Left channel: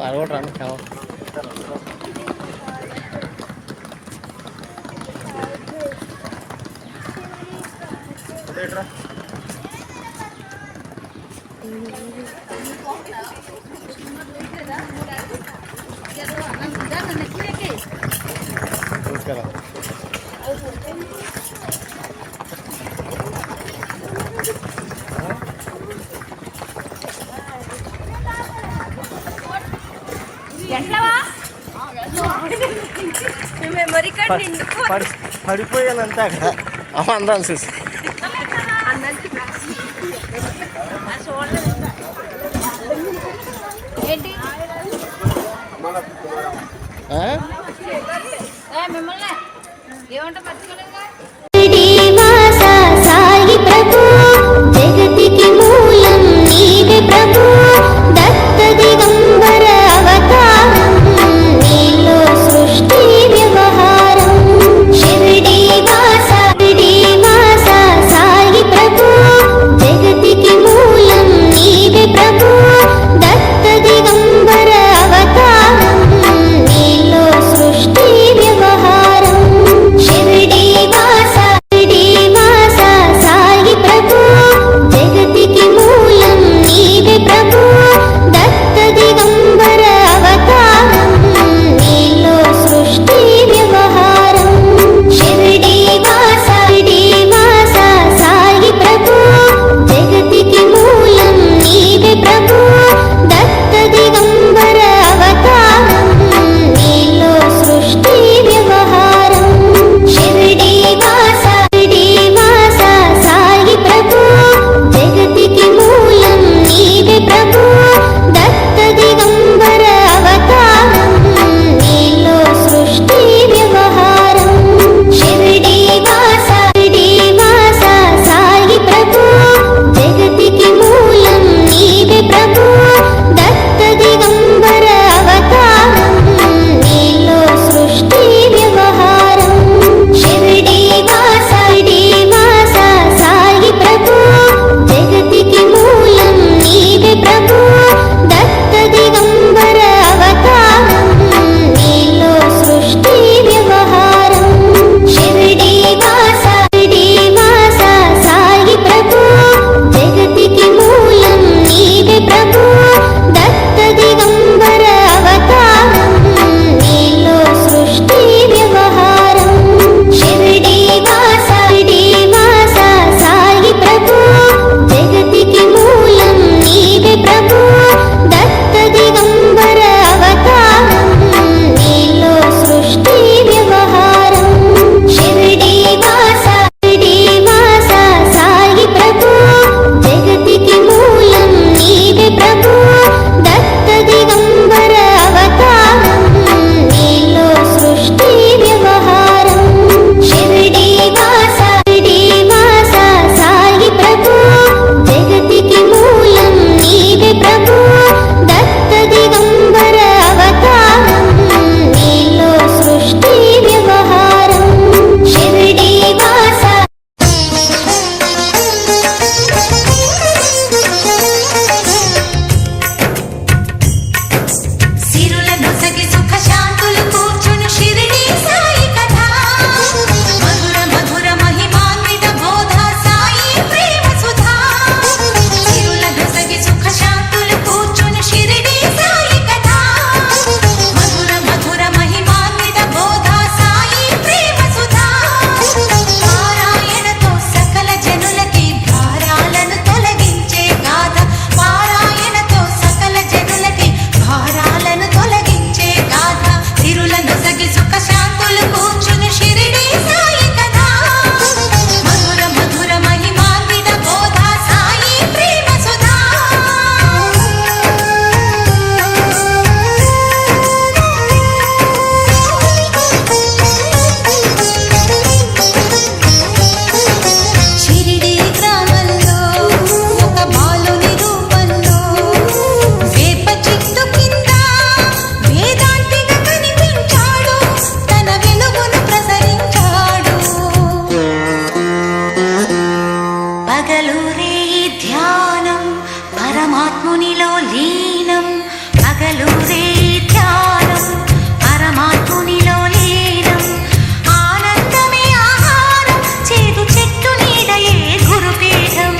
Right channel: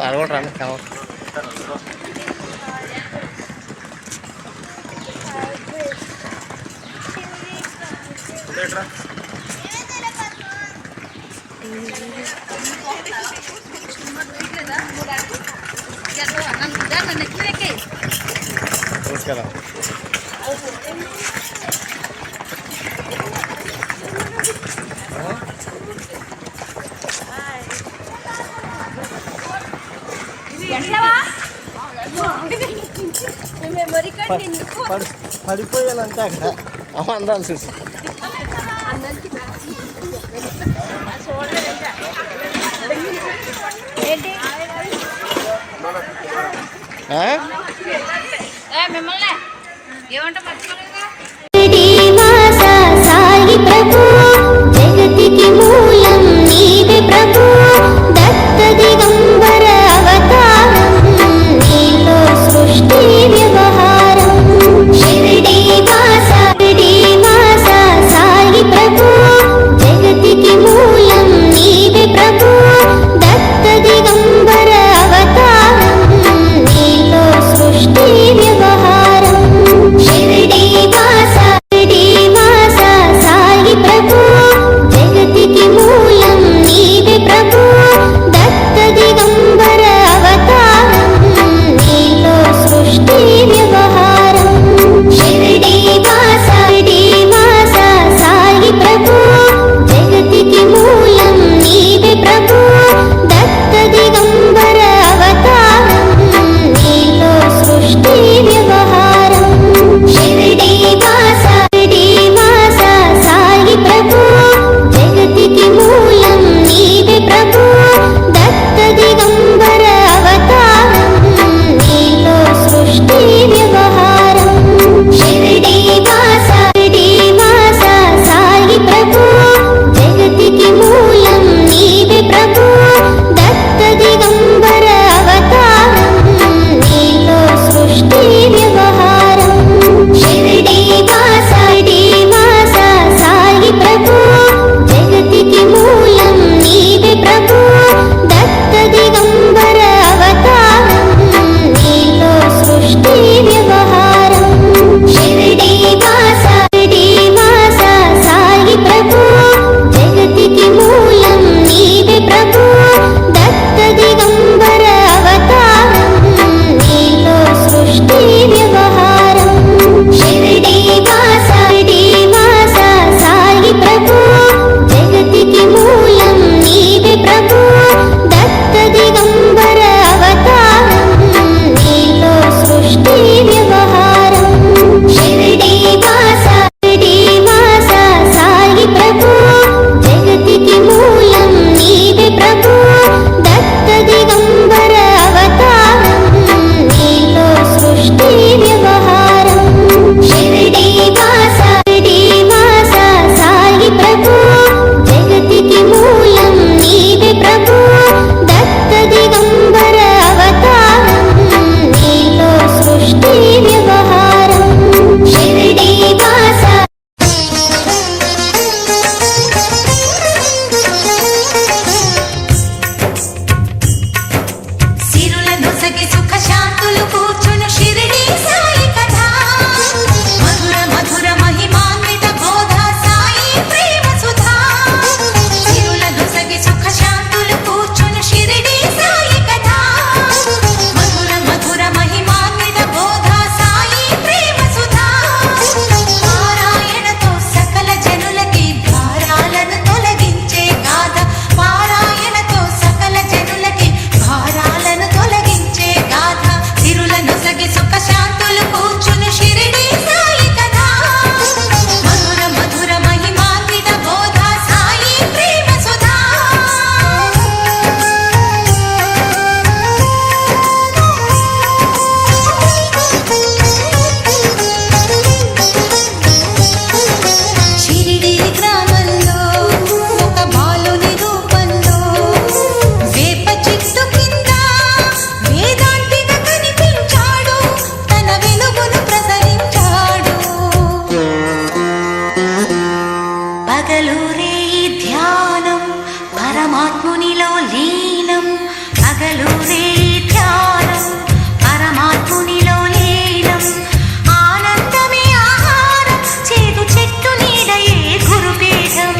అలవాటు రాని కావాలి. పడిపోయానంటే అక్కడ అందరం చూసి మిమ్మల్ని ఏమంటే మర్చిపోలేదు. ప్రభు జగతికి మూలం నీవే ప్రభు దత్త దిగంబర అవతారం నీలో సృష్టి వ్యవహారం షిరిడి వాస సాయి ప్రభు జగతికి మూలం నీవే ప్రభు దత్త దిగంబర అవతారం నీలో సృష్టి వ్యవహారం షిరిడి వాస పరమాత్మునిలో లీనం పగలూరే ధ్యానం పరమాత్మునిలో లీనం ఆనందమే ఆహారం చేదు చెట్టు నీడయే గురుపీఠం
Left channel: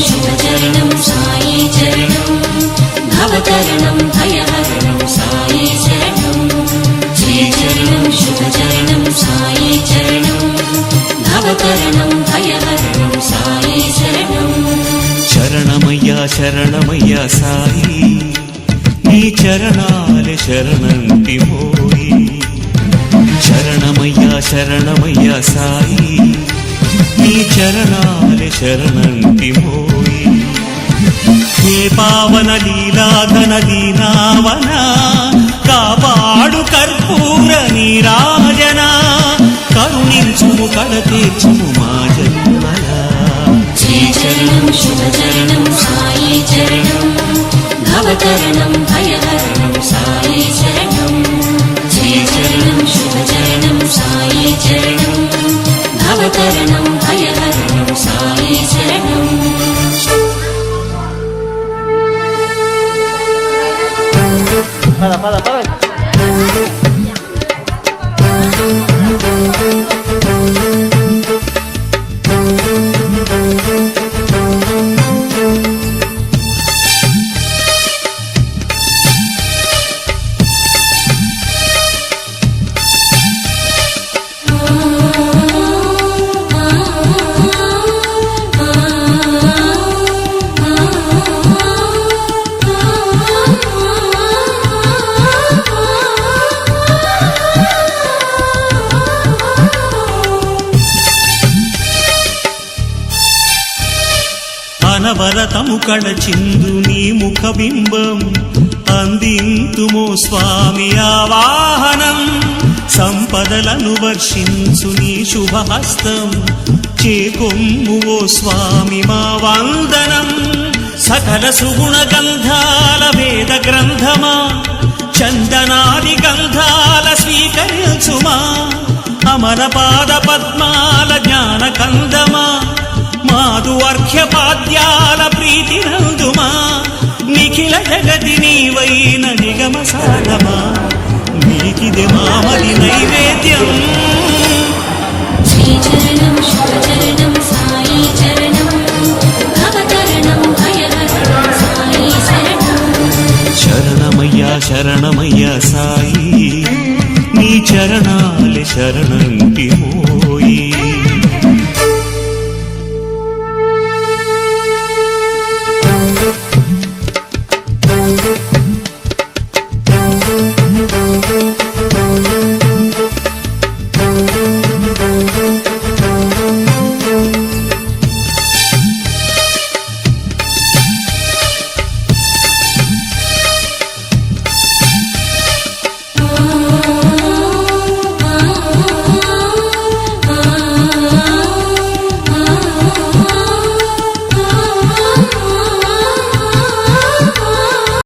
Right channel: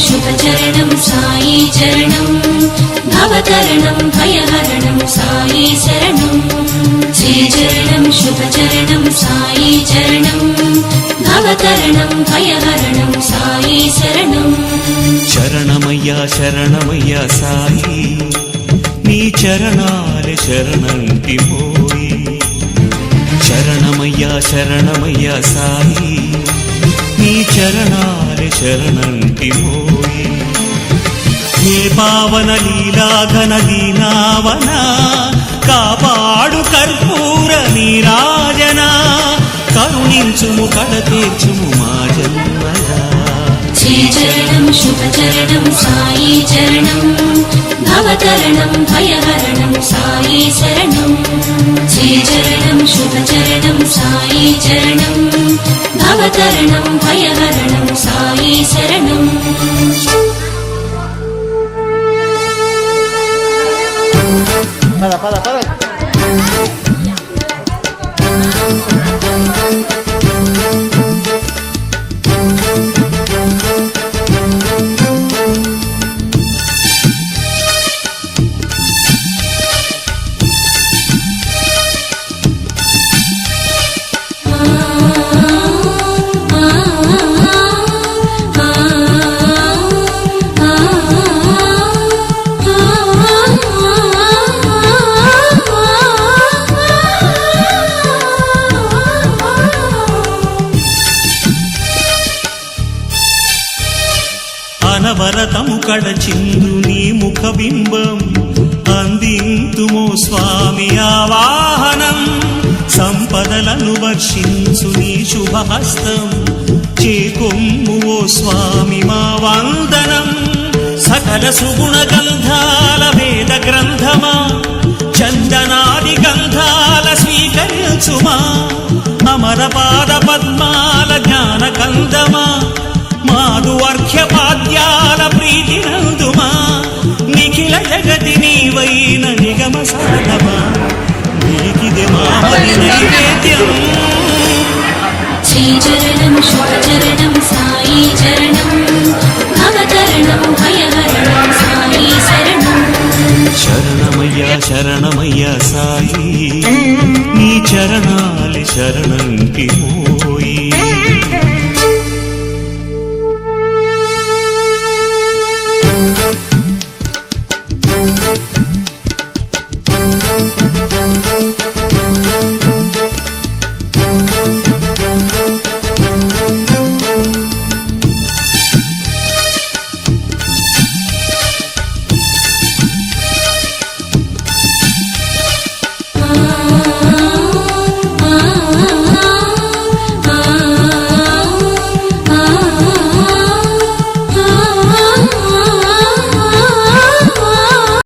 शुभचरणं साई चरणं भवतरणं भयहरणं साई शरणं శుభచరణం సాయి చరణం భవకరణం భయహరణం సాయి శరణం శరణమయ్యా శరణమయ్యా సాయి నీ చరణాలే శరణంటి మోయి శరణమయ్యా శరణమయ్యా సాయి నీ చరణాలే శరణంటి మోయి హే పావన లీలాఘన దీనావన కాపాడు కర్పూర నీరాజన కరుణించుము కడ తీర్చుము మా జన్మలా శ్రీచరణం శుభచరణం సాయి చరణం భవకరణం భయహరణం సాయి శరణం శ్రీచరణం శుభచరణం సాయి చరణం భవకరణం భయహరణం సాయి శరణం పద పద పద అనవరతము కడచిందు నీ ముఖబింబం అందింతుమో స్వామి ఆవాహనం సంపదలను వర్షించు నీ శుభహస్తం చేకొమ్ము ఓ స్వామి మా వందనం సకల సుగుణ గంధాల వేద గ్రంథమా చందనాది గంధాల స్వీకరించుమా అమర పాద పద్మాల జ్ఞాన కందమా మాధు అర్ఘ్యపాద్యాల ప్రీతి నందుమా నిఖిల జగతి నీవైన నిగమ సాధమా నీకిదే మామది నైవేద్యం శ్రీచరణం శుభచరణం సాయి చరణం భవకరణం భయహరణం సాయి శరణం శరణమయ్యా శరణమయ్యా సాయి నీ చరణాలి శరణంటి మోయి